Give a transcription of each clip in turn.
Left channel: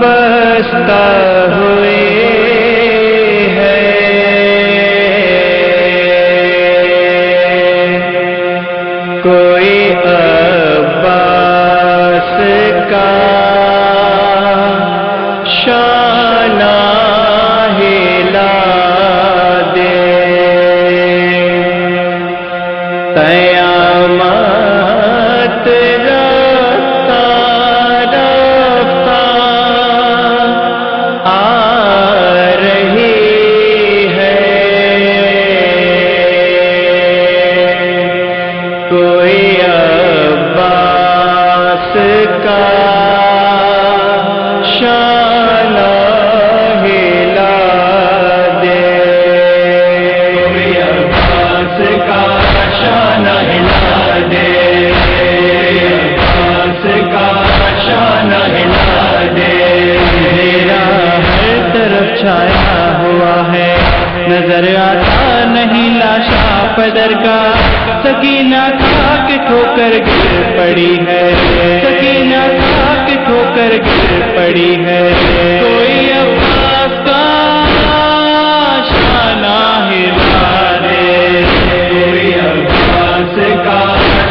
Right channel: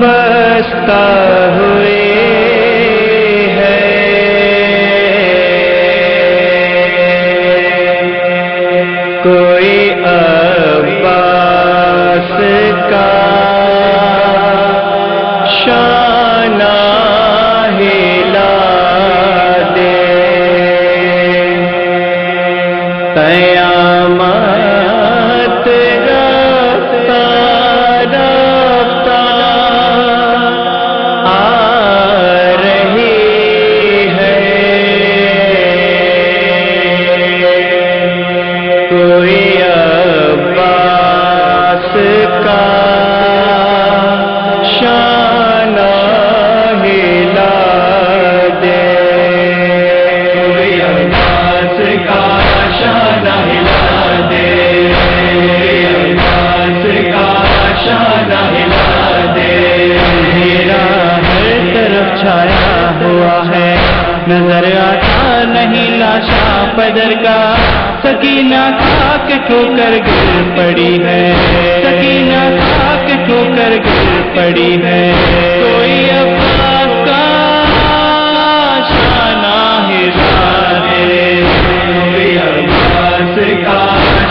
بستا ہوئے ہے کوئی عباس کا شانہ ہلا دے قیامت رفتہ رفتہ آ رہی ہے کوئی عباس کا شانہ ہلا دے کوئی عباس کا شانہ ہلا دے کوئی عباس کا شانہ ہلا دے اندھیرا ہر طرف چھایا ہوا ہے نظر آتا نہیں لاشا پدر کا سکینہ خاک ٹھوکر گر پڑی ہے سکینہ خاک ٹھوکر گر پڑی ہے کوئی عباس کا شانہ ہلا دے کوئی عباس کا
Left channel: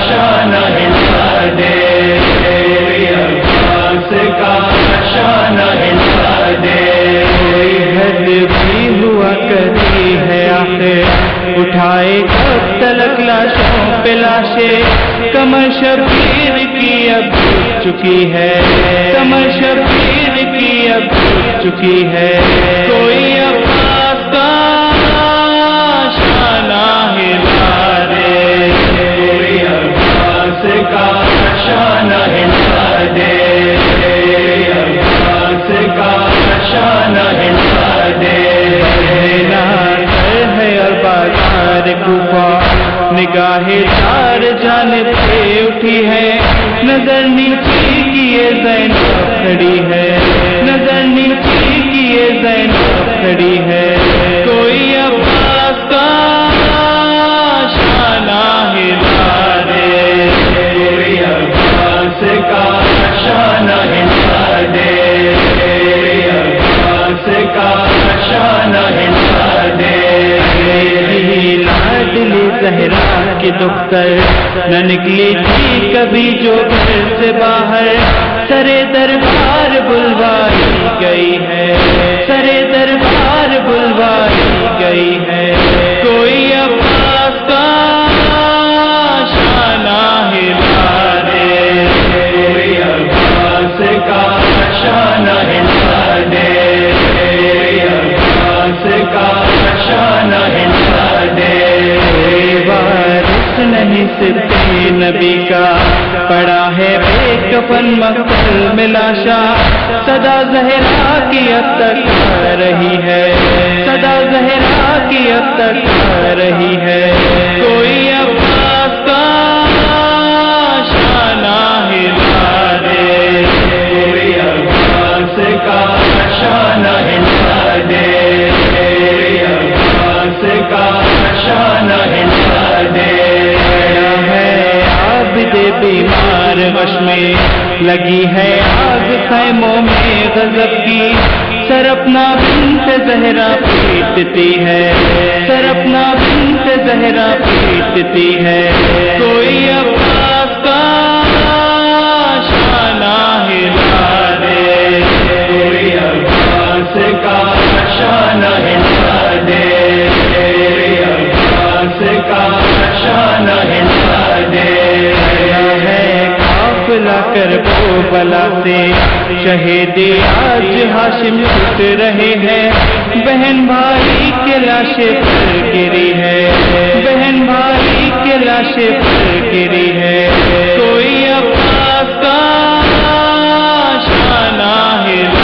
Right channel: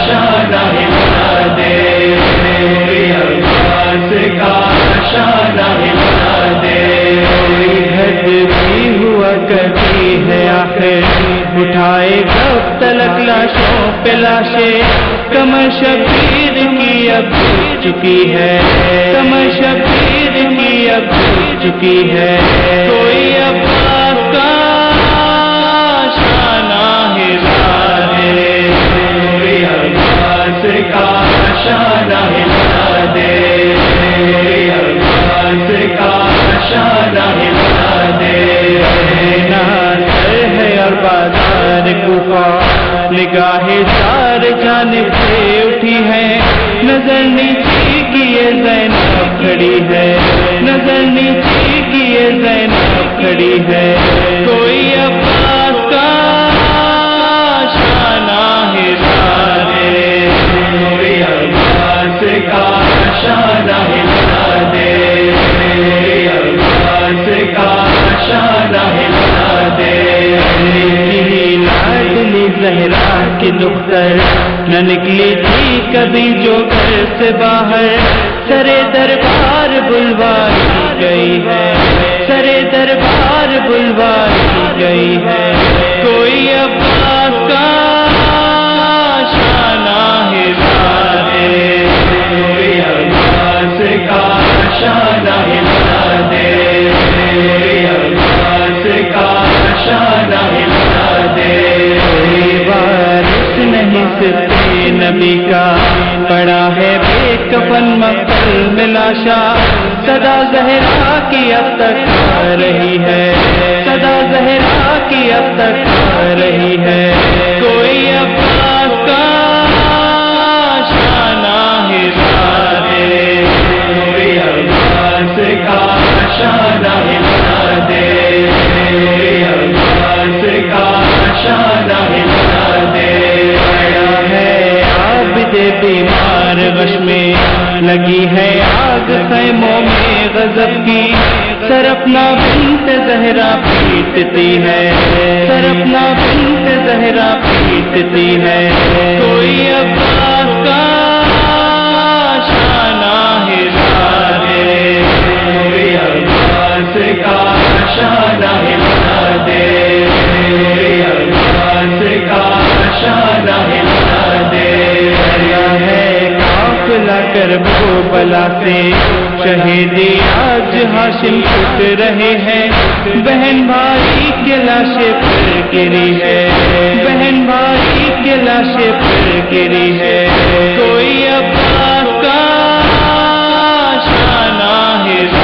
شانہ ہلا دے کوئی عباس کا شانہ ہلا دے کوئی حد بھی ہوا کرتی ہے آخر اٹھائے کب تلک لاشوں پہ لاشیں کمر شبیر کی اب جھک چکی ہے کمر شبیر کی اب جھک چکی ہے کوئی عباس کا شانہ ہلا دے کوئی عباس کا شانہ ہلا دے کوئی عباس کا شانہ ہلا دے اور بازار کوفہ نگاہ چار جانب سے اٹھی ہے نظر نیچی کیے زینب کھڑی ہے نظر نیچی کیے زینب کھڑی ہے کوئی عباس کا شانہ ہلا دے کوئی عباس کا شانہ ہلا دے کوئی عباس کا شانہ ہلا دے لاڈلی زہرا کی دختر نہ نکلی تھی کبھی جو گھر سے باہر سرے دربار بلوائی گئی ہے سرے دربار بلوائی گئی ہے کوئی عباس کا شانہ ہلا دے کوئی عباس کا شانہ ہلا دے کوئی عباس کا شانہ ہلا دے کوئی وارث نہیں سبتے نبی کا پڑا ہے بے کفن مقتل میں لاشا صدا زہرا کی اب تک آ رہی ہے صدا زہرا کی اب تک آ رہی ہے کوئی عباس کا شانہ ہلا دے کوئی عباس کا شانہ ہلا دے کوئی عباس کا شانہ ہلا دے پڑا ہے عابد بیمار غش میں لگی ہے آگ خیموں میں غضب کی سرپنا بنت زہرا پیٹتی ہے سرپنا بنت زہرا پیٹتی ہے کوئی عباس کا شانہ ہلا دے کوئی عباس کا شانہ ہلا دے کوئی عباس کا شانہ ہلا دے ہے قافلہ کربو بلا سے شہیدی آج ہاشم اٹھ رہے ہیں بہن بھائی کے لاشیں پر گری ہے بہن بھائی کے لاشیں پر گری ہے کوئی عباس کا شانہ ہلا